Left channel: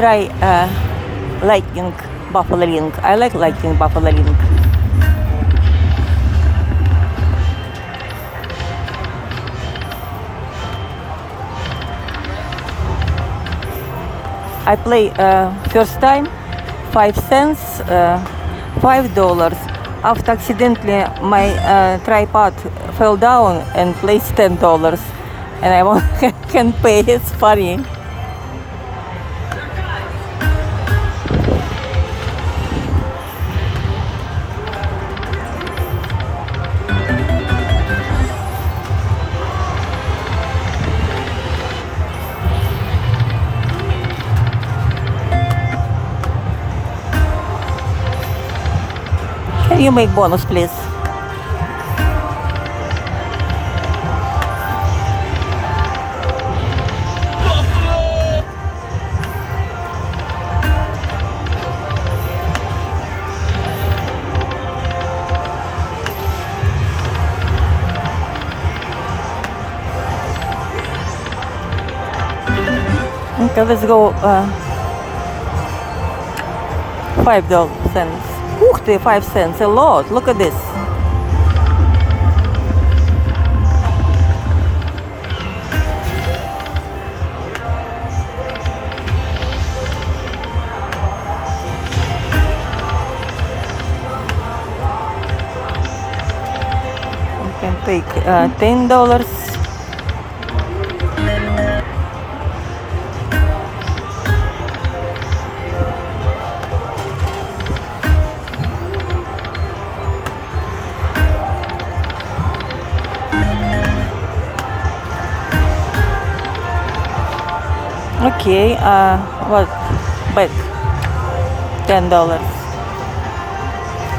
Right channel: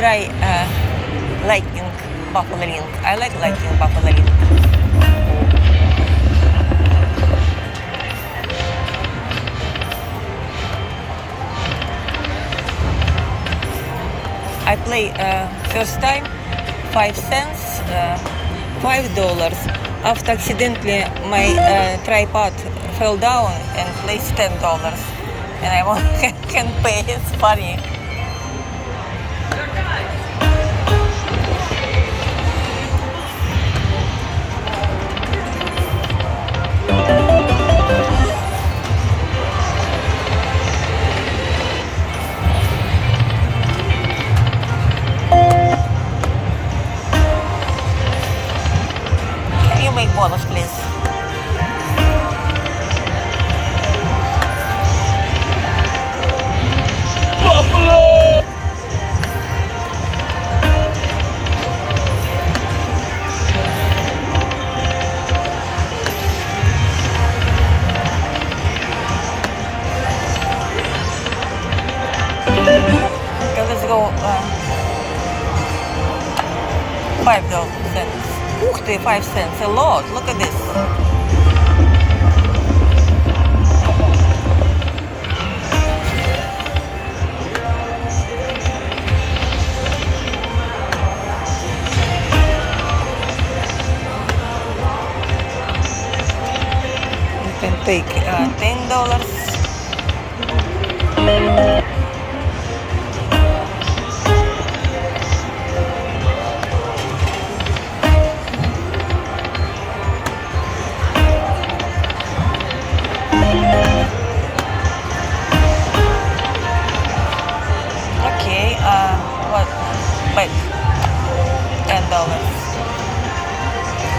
try lightning buffalo link. I like lightning buffalo link. I play first time 5 cents, $5. After accidentally my tripod fell down and placed $10, and I can't pay. It's funny. Can you make bonus, please? Okay, let's go $5. Ух ты, 5 cents, a lot. Look at this. You can take $10. Okay, what? Back $10.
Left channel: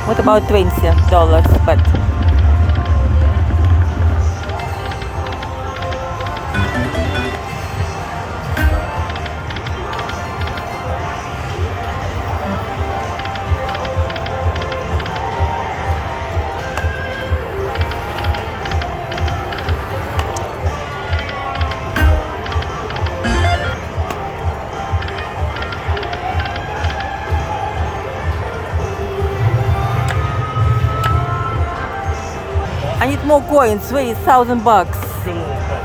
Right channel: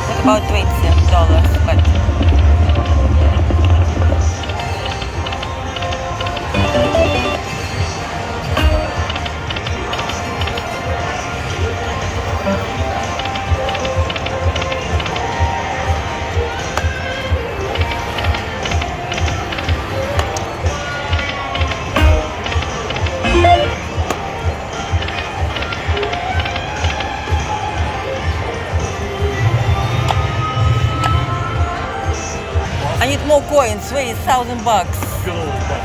What about $20? But I need more coins. Wait, $1,000. Good old buck.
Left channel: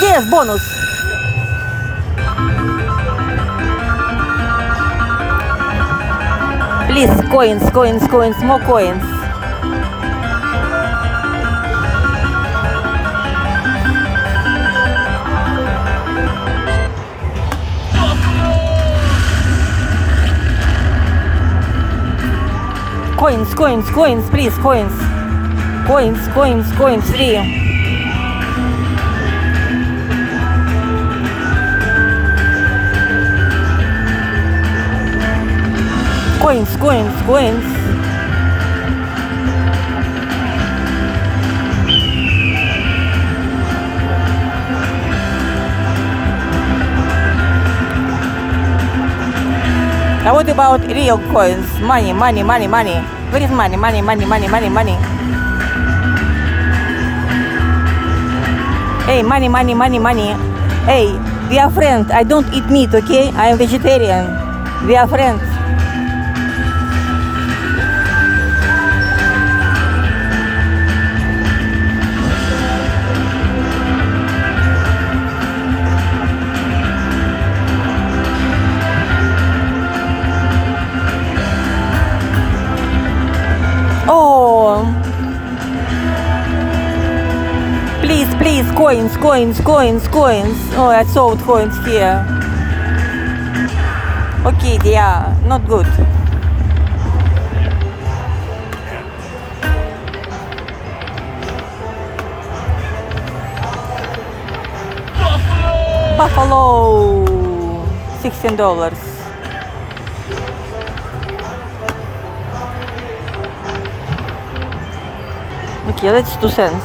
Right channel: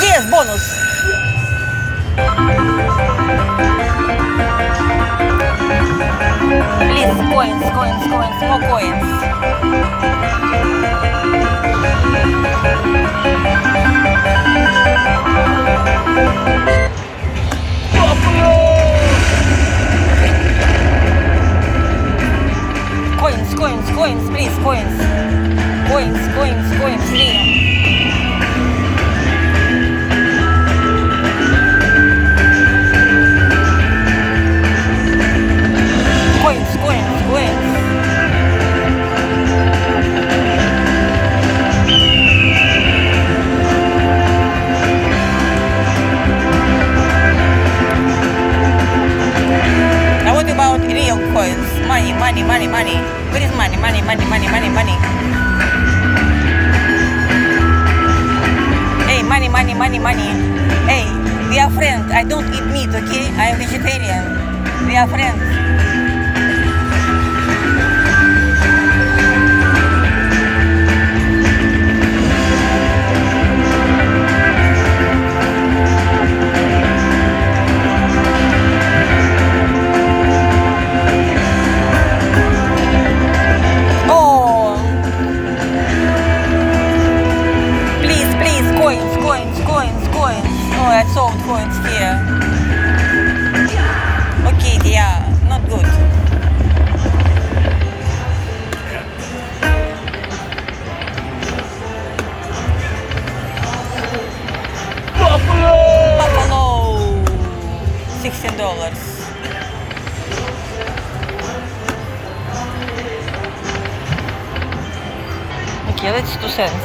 Yes, bonus. Please, coins, more coins. Coins, please, coins. Coins, free. Coins. Now what about real coins? Money. Where is money? Hey, money. Hey, we are friends. I don't eat meat, okay? I am vegetarian. We are friends. kid, yeah, not good. Buffalo, $16. Okay, that's 2 cents.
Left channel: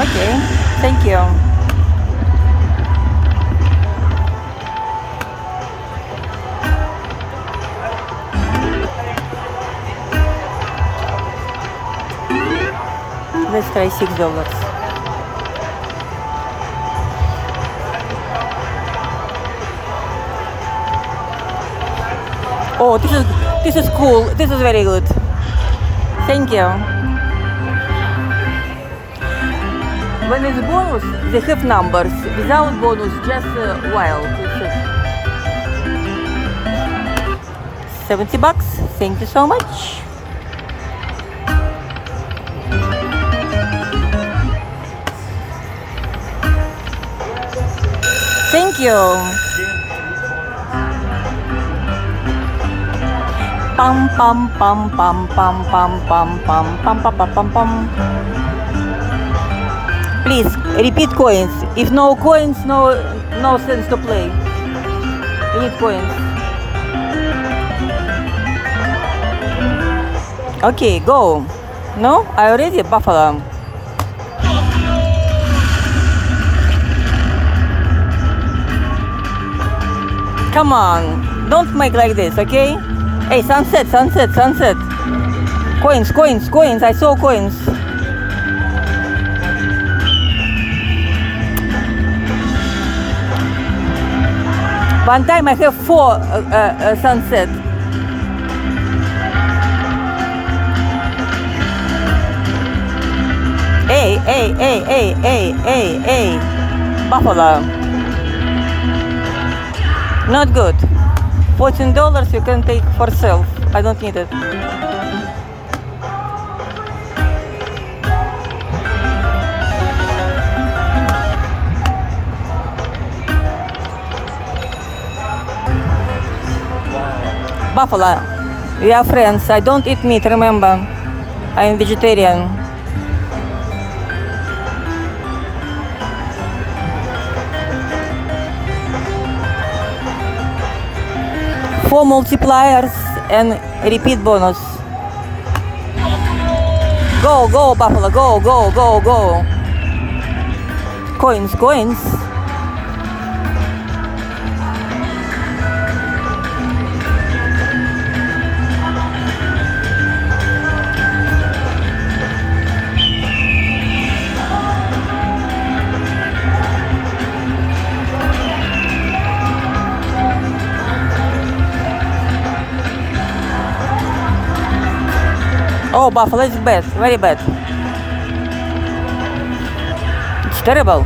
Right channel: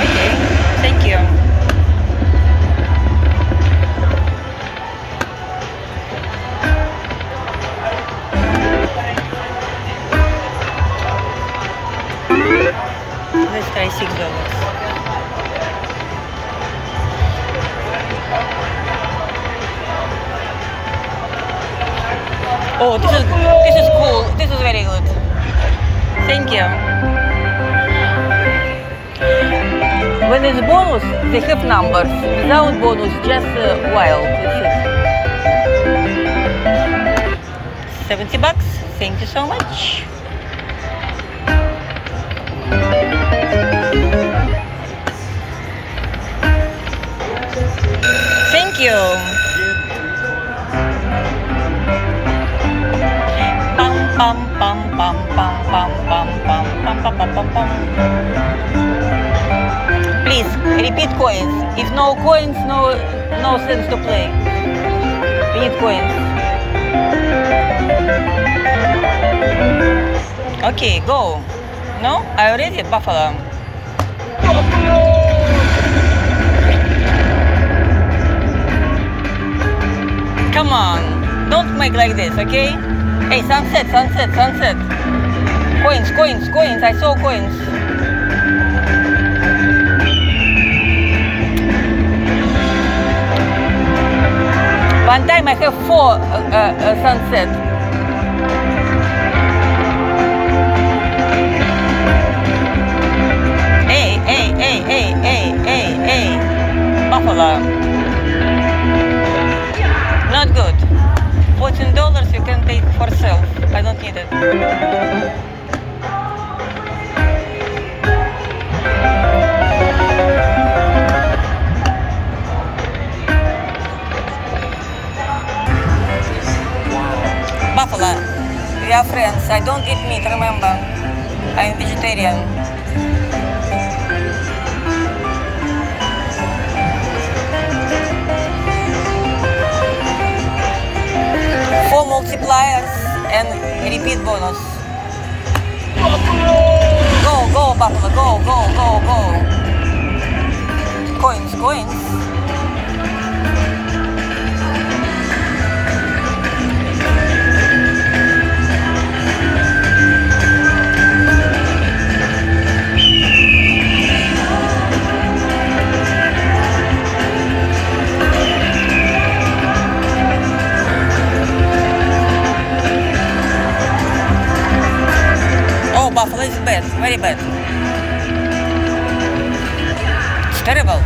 Okay, thank you. Let's try $6. Oh, this is cool. This is very good. Thank you. When it's bonus, they have numbers. Without bonus, just wild. $70. Thank you so much. Thank you. Pam pam pam pam pam pam pam pam pam pam pam pam pam. Please repeat coins. If no coins, no sense to play. We need coins. Okay, go. No, I already buffalo. Come on, don't make like this, okay? Hey, sunset. Coins, I saw coins. One time I have 4 sunset. Hey, buffalo. Not good. $14 you can take for self. I don't need it. Buffalo, we are friends. I don't eat meat, remember. I am vegetarian. Multipliers and repeat bonus. Go, buffalo, go. Coins. Buffalo is bad, very bad. It's terrible.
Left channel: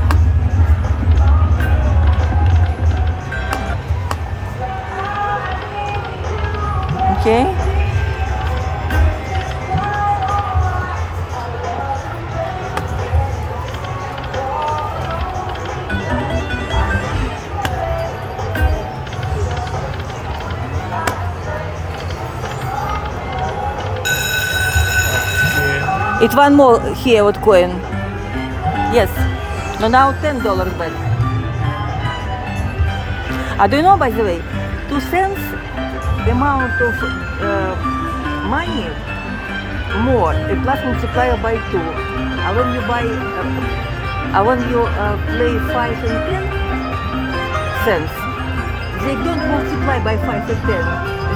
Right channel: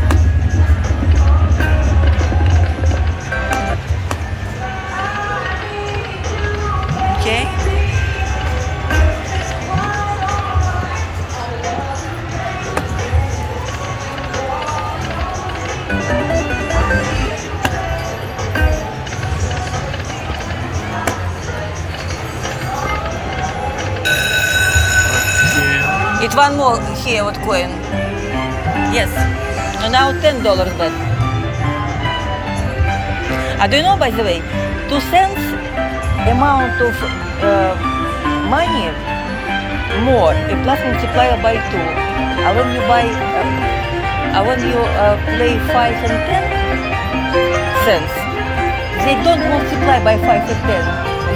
Okay. It's one more here with coin. Yes. No, now $10 bet. I don't know, by the way, 2 cents amount of money more, a plus multiplier by 2. When you buy, when you play 5 and 10 cents, they don't multiply by 5 and 10.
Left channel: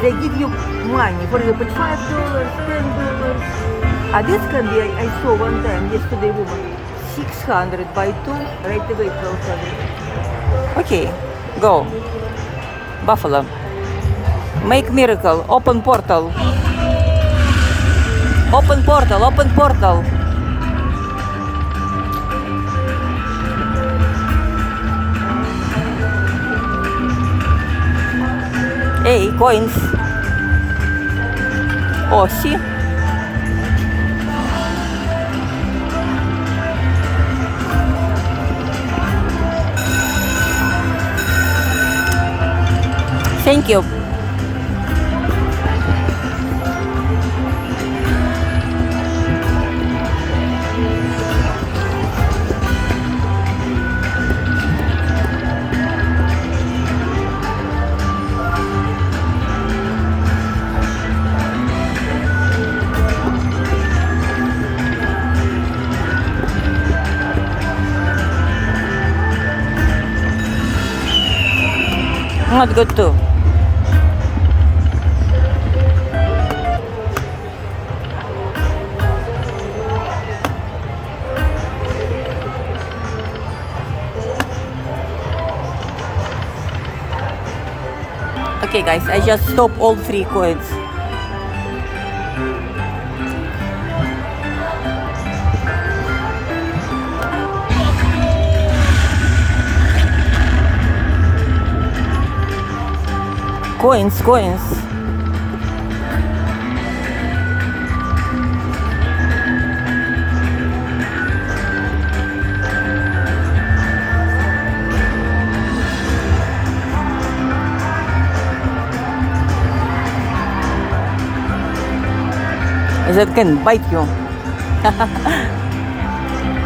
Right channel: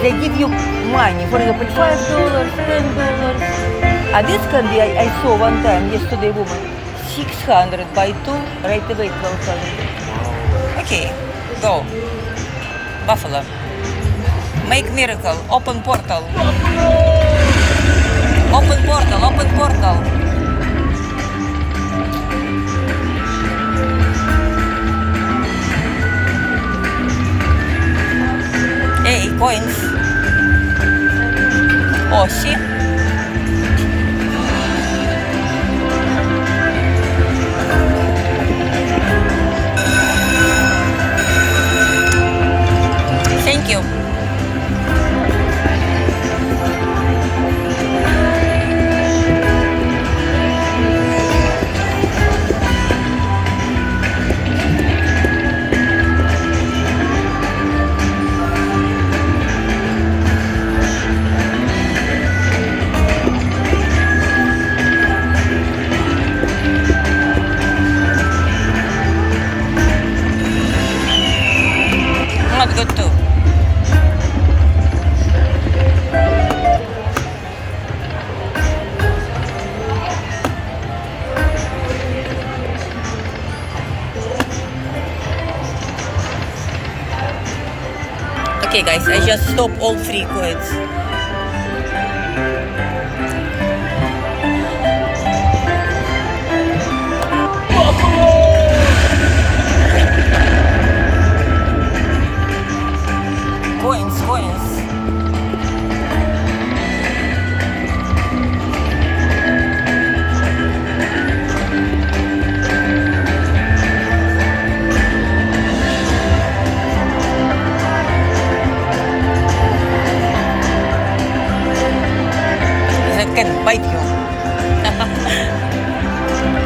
They give you money, for example, $5, $10. This can be, I saw one time, yesterday, woman, 600 by 2, right away 1200. Okay, go. Buffalo. Make miracle, open portal. Thank you. Not good too. Okay guys, I just stop all 3 coins. Coins. That can bite you.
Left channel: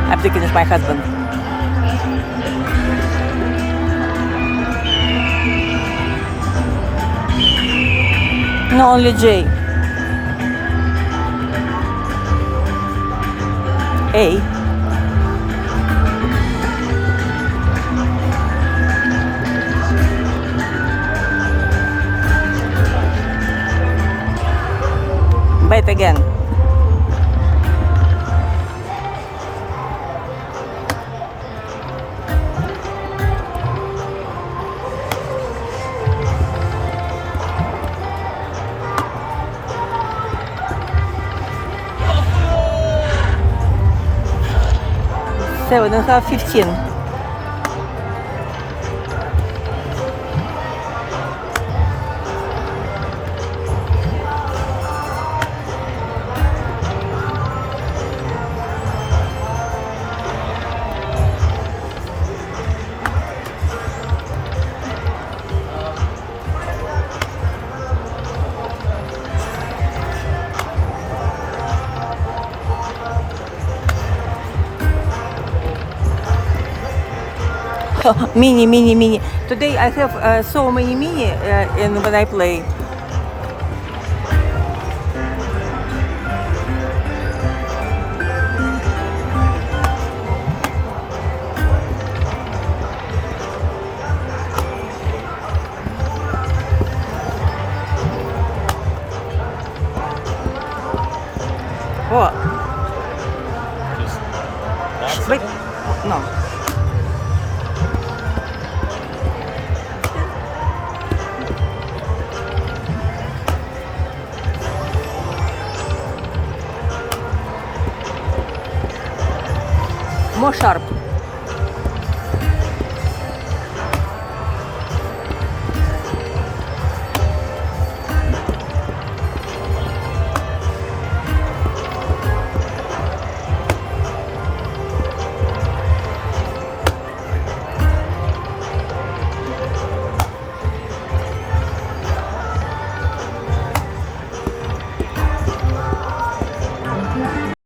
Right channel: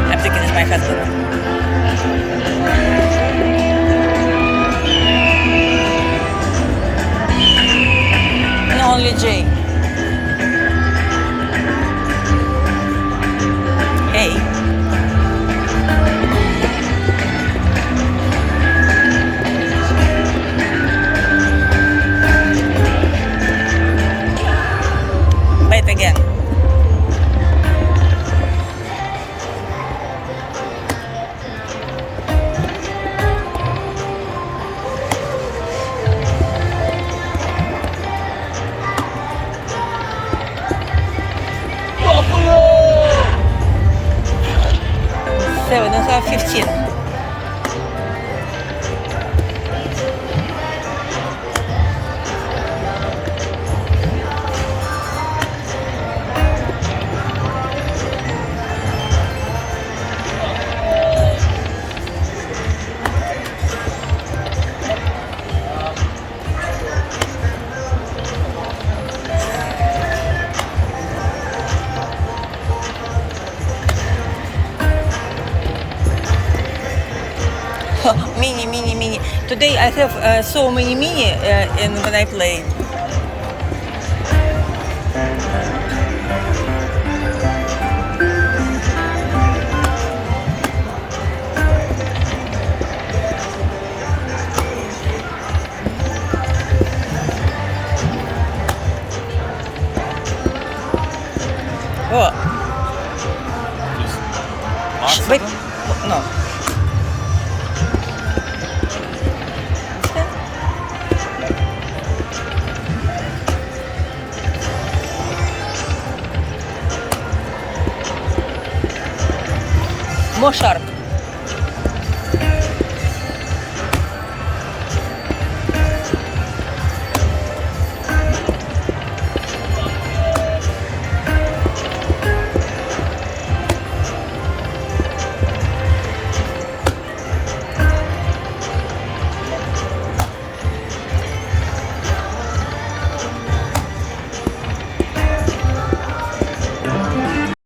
I'm thinking it's my husband. No, only J. A. Bite again. Seven and a half, 15. Mini. Today I have so many mini when I play. Oh. Wait, no. More sharp.